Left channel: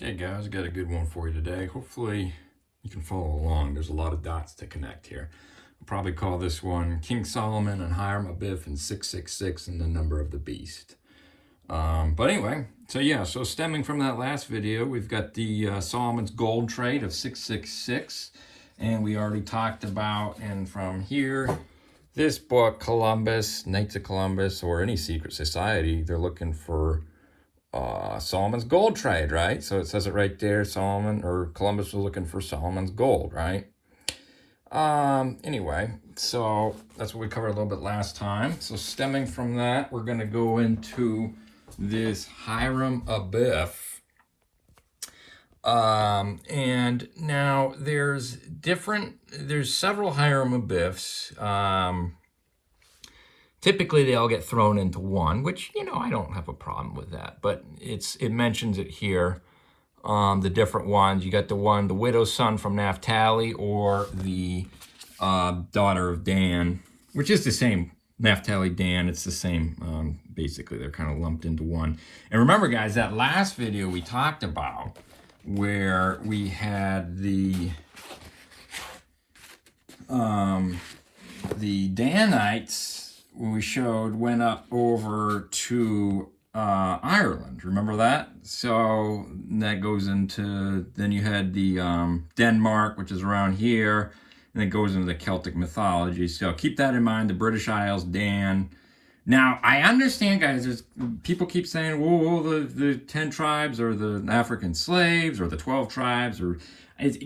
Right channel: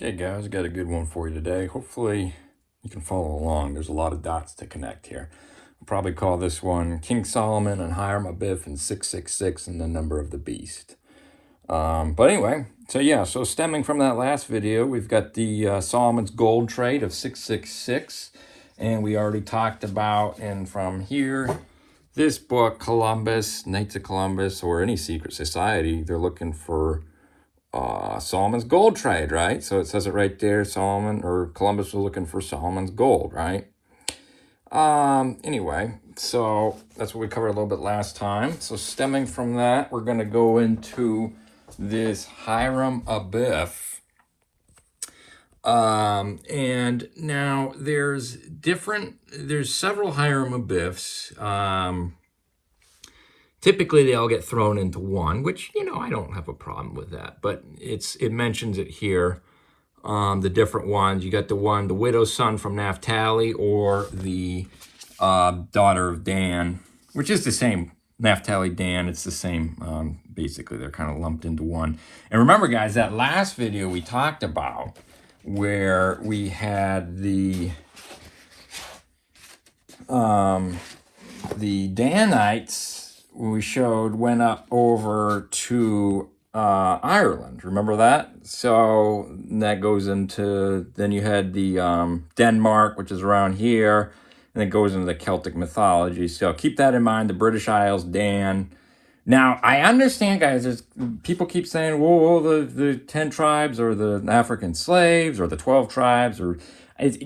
Okay guys, I got a good one for you today. Hopefully you can follow along. There's a lot of dots to connect here. I'll probably call this one King Solomon and Hiram Abiff and 666 and the number of the beast. But anyway, so stemming from that last video, we've got the Solomon's gold trade of 666. And we already talked about, and from here, this book, Columbus, Knights of Columbus, or any secret society, they're looking for Solomon's gold trade, right? So it says it right there, Solomon, or Columbus was looking for Solomon's gold, right? Anyway, so that's what we covered a little bit last time. So stemming from that, we're going to go into this Hiram Abiff. And now there's several Hiram Abiffs. Typically, they all get thrown into one, which, I don't have a problem with that. But it mentions it here, the different ones. You got the widow's son from Naphtali, or the daughter of Dan, which is the same. Naphtali, Dan, it's the same. Basically, they're kind of lumped into one. And remember, guys, that last video we talked about where we had the Danites, we showed, went up over to Ireland. Remember that? So that goes into, then you had the Denmark, which is around here, and it goes into the Celtic mythology. So keep that in mind, the British Isles, Dan. Now, I understand, guys, people keep saying, whoa, the 10 tribes, or the African slaves, or the 12 tribes, or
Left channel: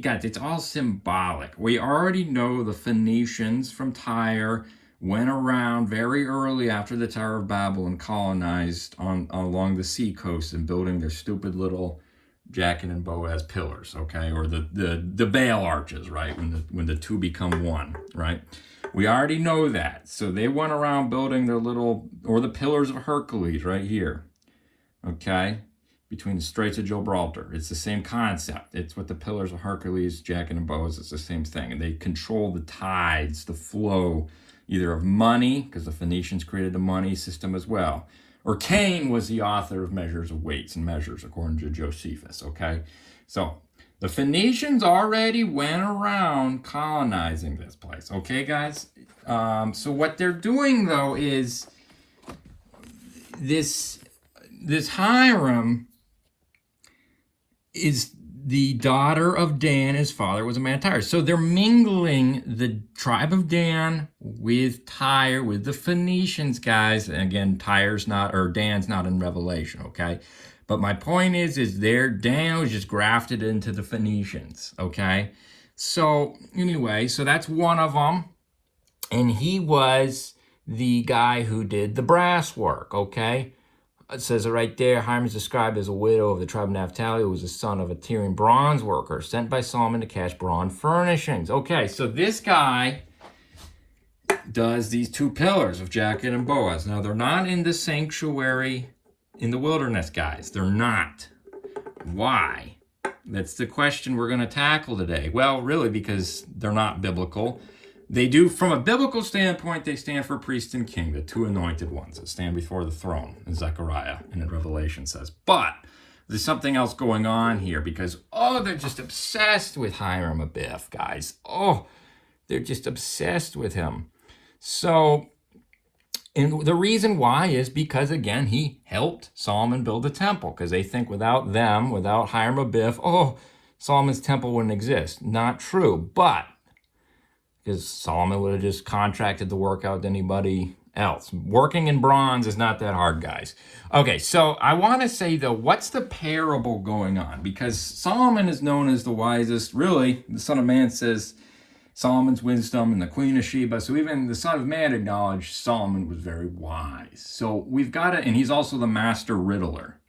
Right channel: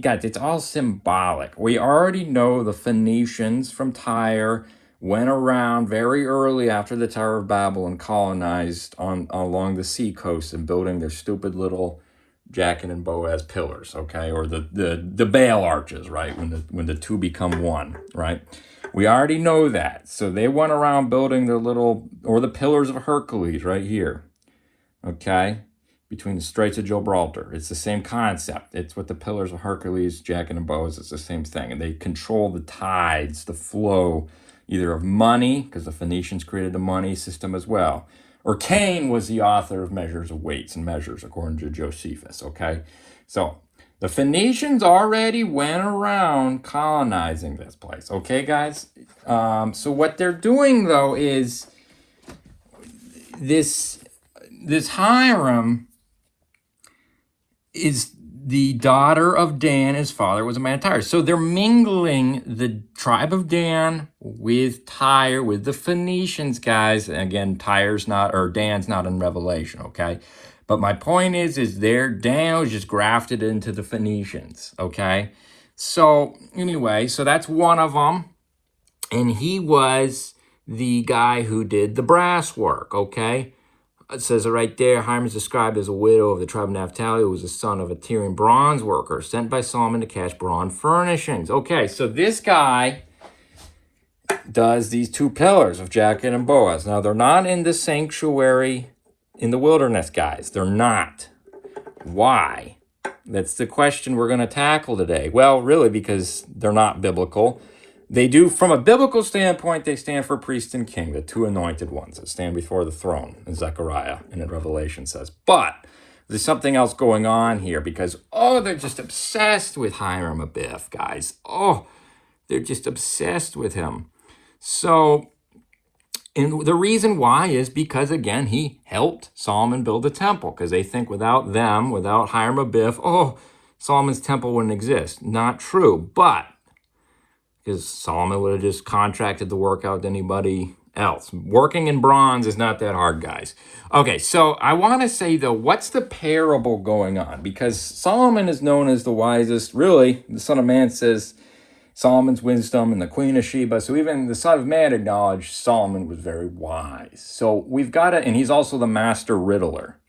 guys, it's all symbolic. We already know the Phoenicians from Tyre went around very early after the Tower of Babel and colonized along the sea coast and building their stupid little Jachin and Boaz pillars, okay, or the Baal arches, right, when the two become one, right? We already know that. So they went around building their little, or the pillars of Hercules right here, okay, between the Straits of Gibraltar. It's the same concept. It's what the pillars of Hercules, Jachin and Boaz, it's the same thing. And they control the tides, the flow, either of money, because the Phoenicians created the money system as well, or Cain was the author of measures of weights and measures, according to Josephus, okay? So the Phoenicians already went around colonizing this place, okay, guys? So what they're doing, though, is this Hiram is the daughter of Dan. His father was a man of Tyre. So they're mingling the tribe of Dan with Tyre, with the Phoenicians, guys. And again, Dan's not in Revelation, okay? But my point is Dan was just grafted into the Phoenicians, okay? So anyway, so that's one of them. And he was the guy who did the brass work, okay? It says it right there. Hiram is described as a widow of the tribe of Naphtali, who was the son of a Tyrian bronze worker sent by Solomon to cast bronze furnishings. Okay, so this guy does these two pillars of Jachin and Boaz. Now, they're not in the sanctuary in the wilderness, guys. They're not. Why? That's the question we're going to tackle today. Well, really, because they're not biblical. They do, from a biblical standpoint, they stand for priest and king, the two anointed ones that stand before the throne, in Zechariah and in Revelation says. But there's something else going on here because, they're just obsessed with Hiram Abiff, guys. They're just obsessed with him. So, and the reason why is because, again, he helped Solomon build the temple, because they think without Hiram Abiff, Solomon's temple wouldn't exist. Not true, but because Solomon would have just contracted the work out to anybody else. Working in bronze is not that hard, guys. Okay, so I want to say, though, what's the parable going on? Because Solomon is known as the wisest. Really, the Son of Man says Solomon's wisdom and the Queen of Sheba. So even the Son of Man acknowledged Solomon was very wise. So we've got to, and he's also the master riddler.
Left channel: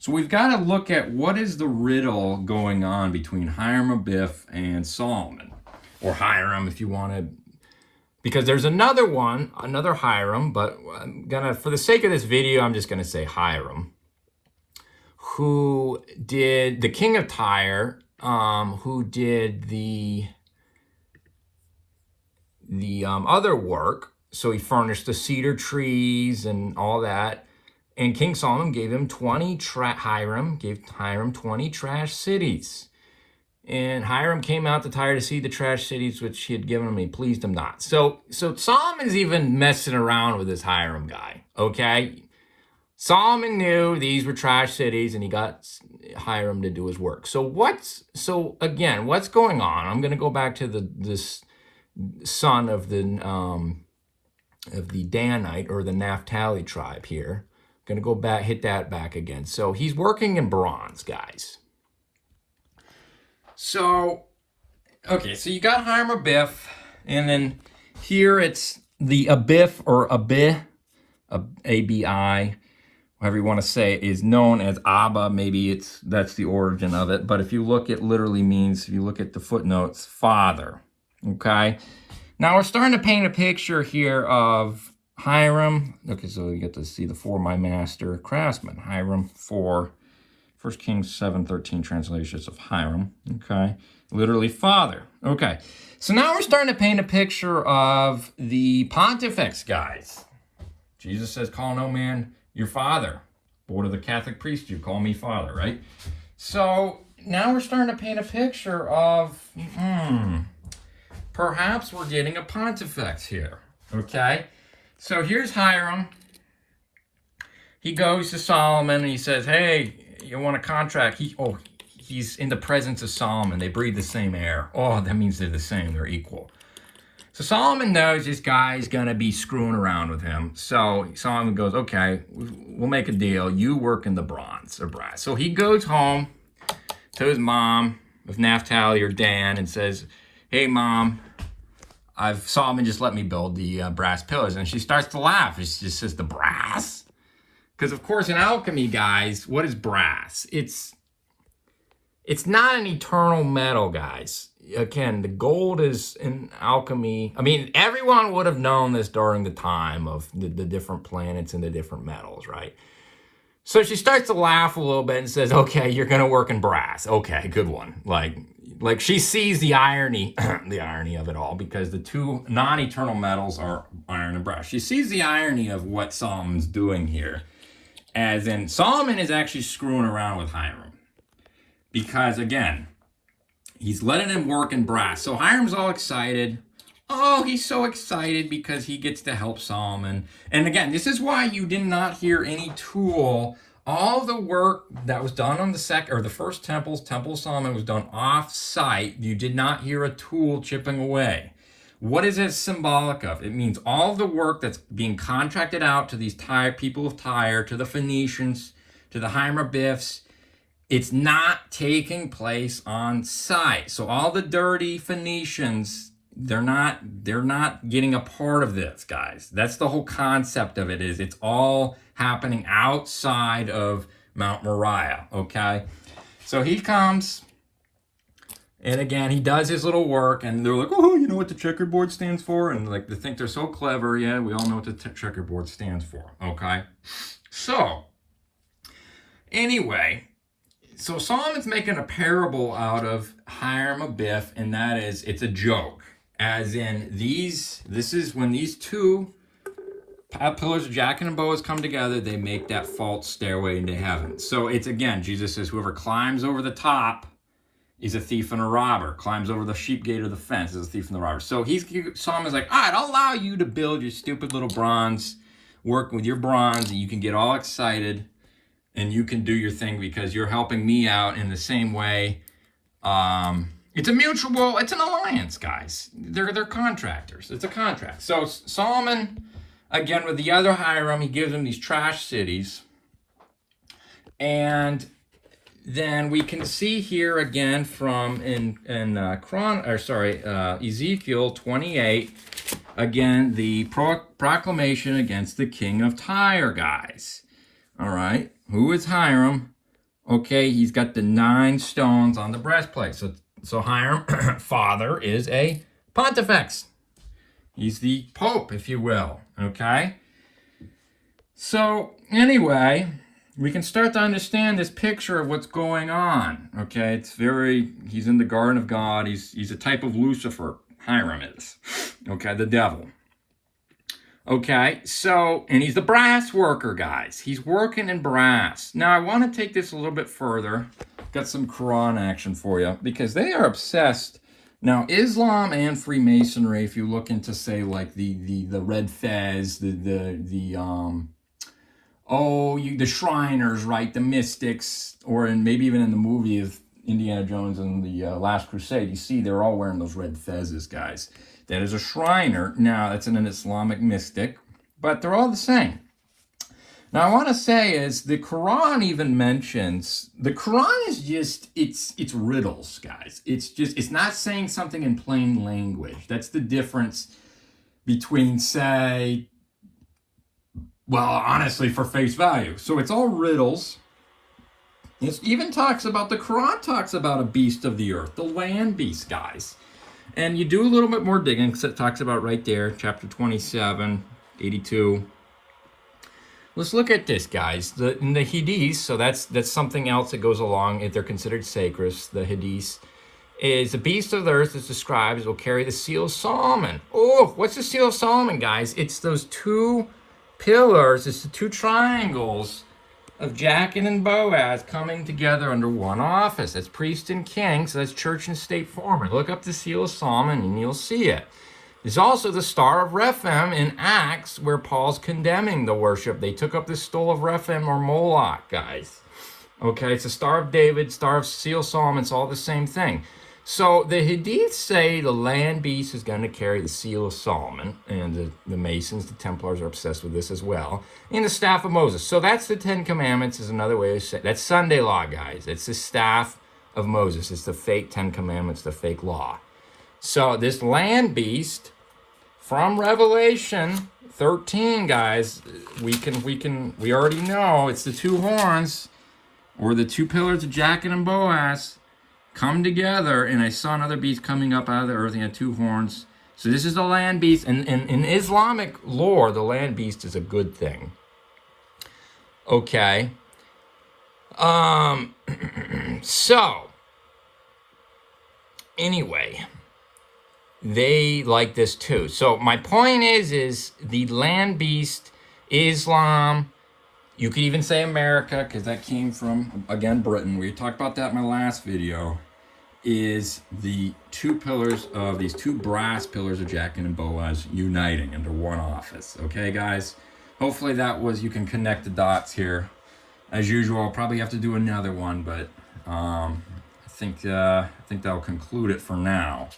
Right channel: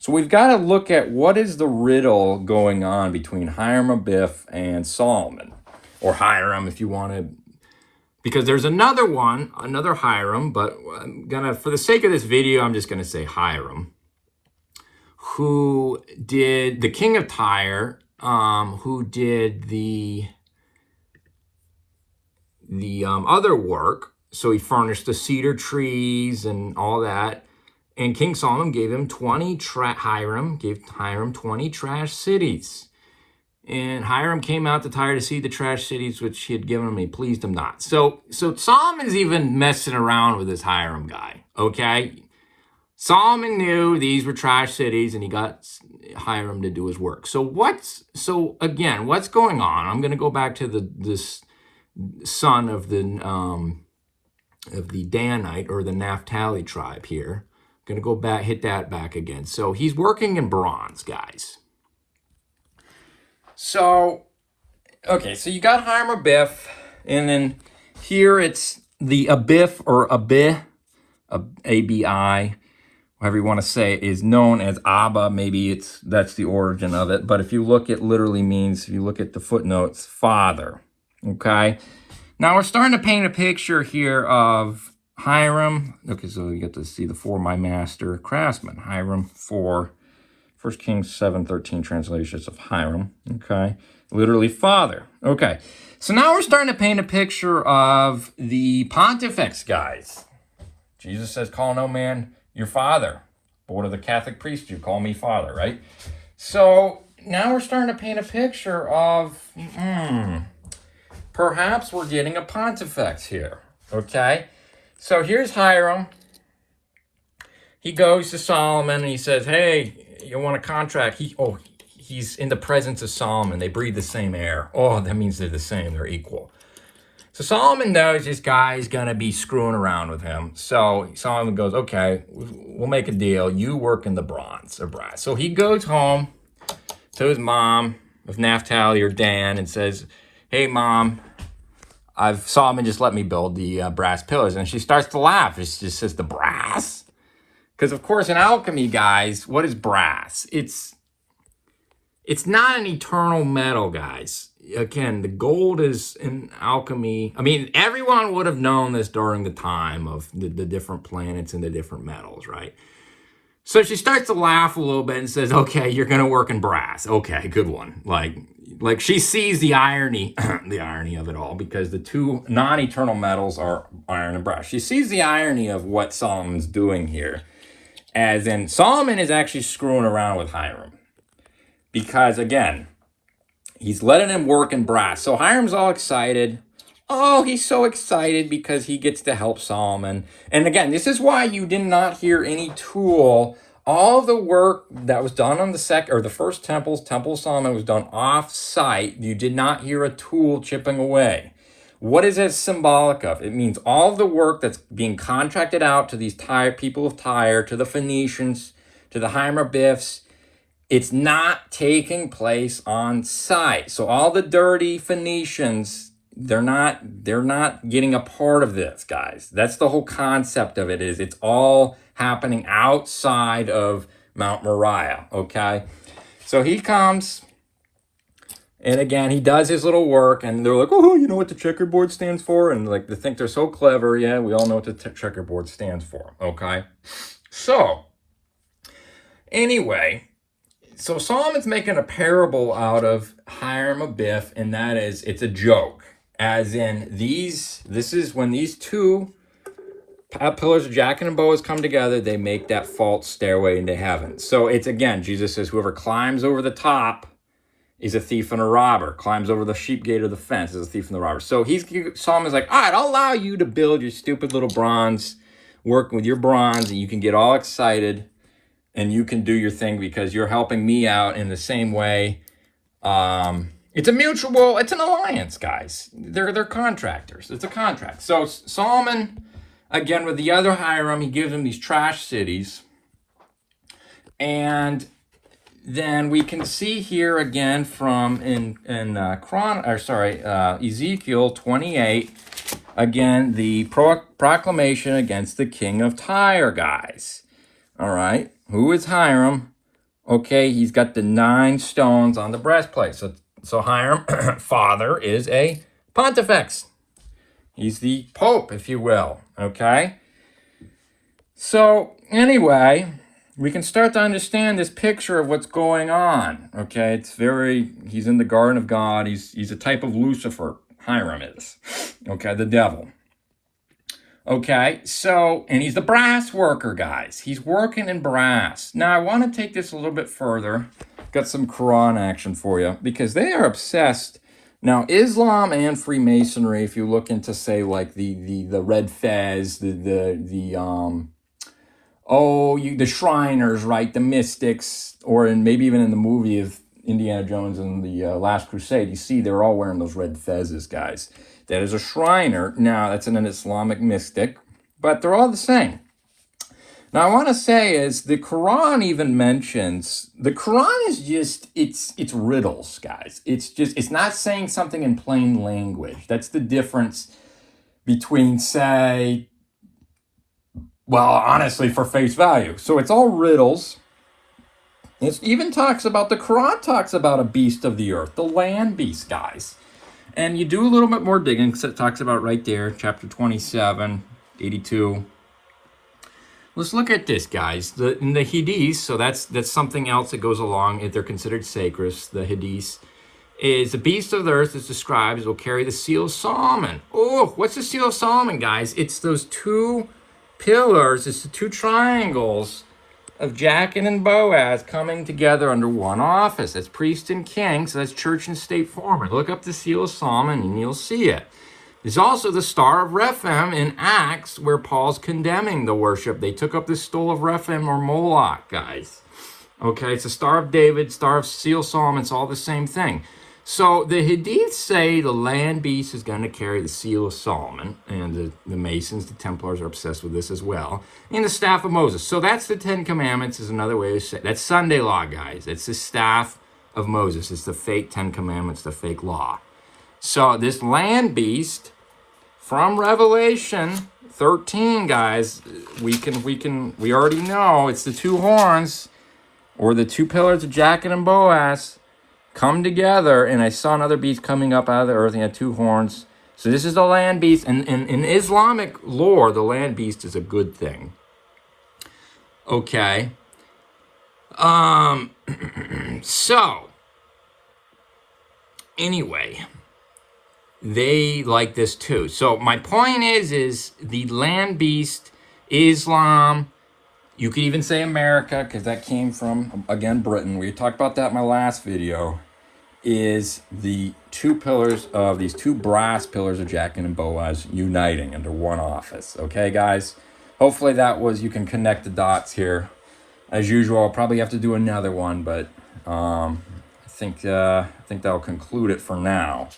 So we've got to look at what is the riddle going on between Hiram Abiff and Solomon. Or Hiram, if you want to, because there's another Hiram, but I'm gonna, for the sake of this video, I'm just gonna say Hiram, who did the king of Tyre, who did the other work. So he furnished the cedar trees and all that. And King Solomon gave him Hiram gave Hiram 20 trash cities. And Hiram came out to Tyre to see the trash cities which he had given him, and he pleased him not. So Solomon's even messing around with this Hiram guy, okay? Solomon knew these were trash cities, and he got Hiram to do his work. So again, what's going on? I'm going to go back to this son of the Danite or the Naphtali tribe here. I'm going to go back, hit that back again. So he's working in bronze, guys. So, okay, so you got Hiram Abiff, and then here it's the Abiff or Abiff, A-B-I, whatever you want to say, is known as Abba. Maybe that's the origin of it. But if you look, it literally means, if you look at the footnotes, father. Okay? Now we're starting to paint a picture here of Hiram. Okay, so you get to see the for my master craftsman. Hiram for 1 Kings 7:13 translations of Hiram. Okay? Literally father. Okay. So now we're starting to paint a picture of the pontifex, guys. Jesus says, call no man your father. But what are the Catholic priests do? Call me father, right? So now we're starting to paint a picture of, perhaps we're getting a pontifex here, okay? So here's Hiram. He goes to Solomon and he says, hey, you want a contract? He's in the presence of Solomon. They breathe the same air. Oh, that means they're the same. They're equal. So Solomon knows this guy's going to be screwing around with him. So Solomon goes, okay, we'll make a deal. You work in the bronze or brass. So he goes home to his mom of Naphtali or Dan and says, hey, Mom, Solomon just let me build the brass pillars. And she starts to laugh. She just says, the brass? Because, of course, in alchemy, guys, what is brass? It's not an eternal metal, guys. Again, the gold is in alchemy. I mean, everyone would have known this during the time of the different planets and the different metals, right? So she starts to laugh a little bit and says, okay, you're going to work in brass. Okay, good one. Like she sees the irony, the irony of it all, because the two non-eternal metals are iron and brass. She sees the irony of what Solomon's doing here, as in Solomon is actually screwing around with Hiram. Because, again, he's letting him work in brass. So Hiram's all excited. Oh, he's so excited because he gets to help Solomon. And again, this is why you did not hear any tool. All the work that was done on the first Temple of Solomon was done off-site. You did not hear a tool chipping away. What is it symbolic of? It means all the work that's being contracted out to these people of Tyre, to the Phoenicians, to the Hiram Abiffs. It's not taking place on site. So all the dirty Phoenicians, they're not getting a part of this, guys. That's the whole concept of it, is it's all happening outside of Mount Moriah, okay? So he comes, and again, he does his little work, and they're like, oh, you know what the checkerboard stands for? And like, they think they're so clever. Yeah, we all know what the checkerboard stands for, okay? So, anyway, so Solomon's making a parable out of Hiram Abiff, and that is, it's a joke. As in, this is when these two pillars of Jachin and Boaz come together, they make that false stairway into heaven. So it's, again, Jesus says, whoever climbs over the top is a thief and a robber. Climbs over the sheep gate or the fence is a thief and a robber. So Solomon's like, all right, I'll allow you to build your stupid little bronze, work with your bronze, and you can get all excited. And you can do your thing because you're helping me out in the same way. It's an alliance, guys. They're contractors. It's a contract. So Solomon, again, with the other Hiram, he gives him these trash cities. And then we can see here again from Ezekiel 28, again, the proclamation against the king of Tyre, guys. All right. Who is Hiram? Okay, he's got the 9 stones on the breastplate. So Hiram, father, is a pontifex. He's the pope, if you will. Okay? So, anyway, we can start to understand this picture of what's going on. Okay? He's in the Garden of God. He's a type of Lucifer. Hiram is. Okay, the devil. Okay, so, and he's the brass worker, guys. He's working in brass. Now, I want to take this a little bit further. Got some Quran action for you, because they are obsessed. Now, Islam and Freemasonry, if you look into, say, like the Red Fez, the Shriners, right, the Mystics, or maybe even in the movie of Indiana Jones and the Last Crusade, you see they're all wearing those red fezzes, guys. That is a Shriner. Now, that's an Islamic mystic, but they're all the same. Now, I want to say is the Quran even mentions, the Quran is just, it's riddles, guys. It's not saying something in plain language. That's the difference between, say, well, honestly, for face value. So it's all riddles. It even talks about, the Quran talks about a beast of the earth, the land beast, guys. And you do a little bit more digging, because it talks about right there, chapter 27, 82. Let's look at this, guys. In the Hadiths, so that's something else that goes along if they're considered sacred. The Hadiths is the beast of the earth is described as will carry the seal of Solomon. Oh, what's the seal of Solomon, guys? It's those two pillars, it's the two triangles of Jachin and Boaz coming together under one office. That's priest and king, so that's church and state form. Look up the seal of Solomon and you'll see it. There's also the Star of Rephaim in Acts, where Paul's condemning the worship. They took up the stole of Rephaim or Moloch, guys. Okay, it's the Star of David, Star of Seal Solomon, it's all the same thing. So the Hadiths say the land beast is going to carry the seal of Solomon, and the Masons, the Templars are obsessed with this as well, and the staff of Moses. So that's the Ten Commandments is another way to say, that's Sunday law, guys. It's the staff of Moses. It's the fake Ten Commandments, the fake law. So this land beast from Revelation 13, guys, we already know it's the two horns or the two pillars of Jachin and Boaz come together, and I saw another beast coming up out of the earth, and he had two horns. So this is the land beast, and in Islamic lore, the land beast is a good thing. Okay. So anyway, they like this too. So my point is the land beast, Islam, you could even say America, because that came from, again, Britain. We talked about that in my last video, is the two pillars of these two brass pillars of Jachin and Boaz uniting under one office. Okay, guys? Hopefully that was, you can connect the dots here. As usual, I'll probably have to do another one, but I think that'll conclude it for now.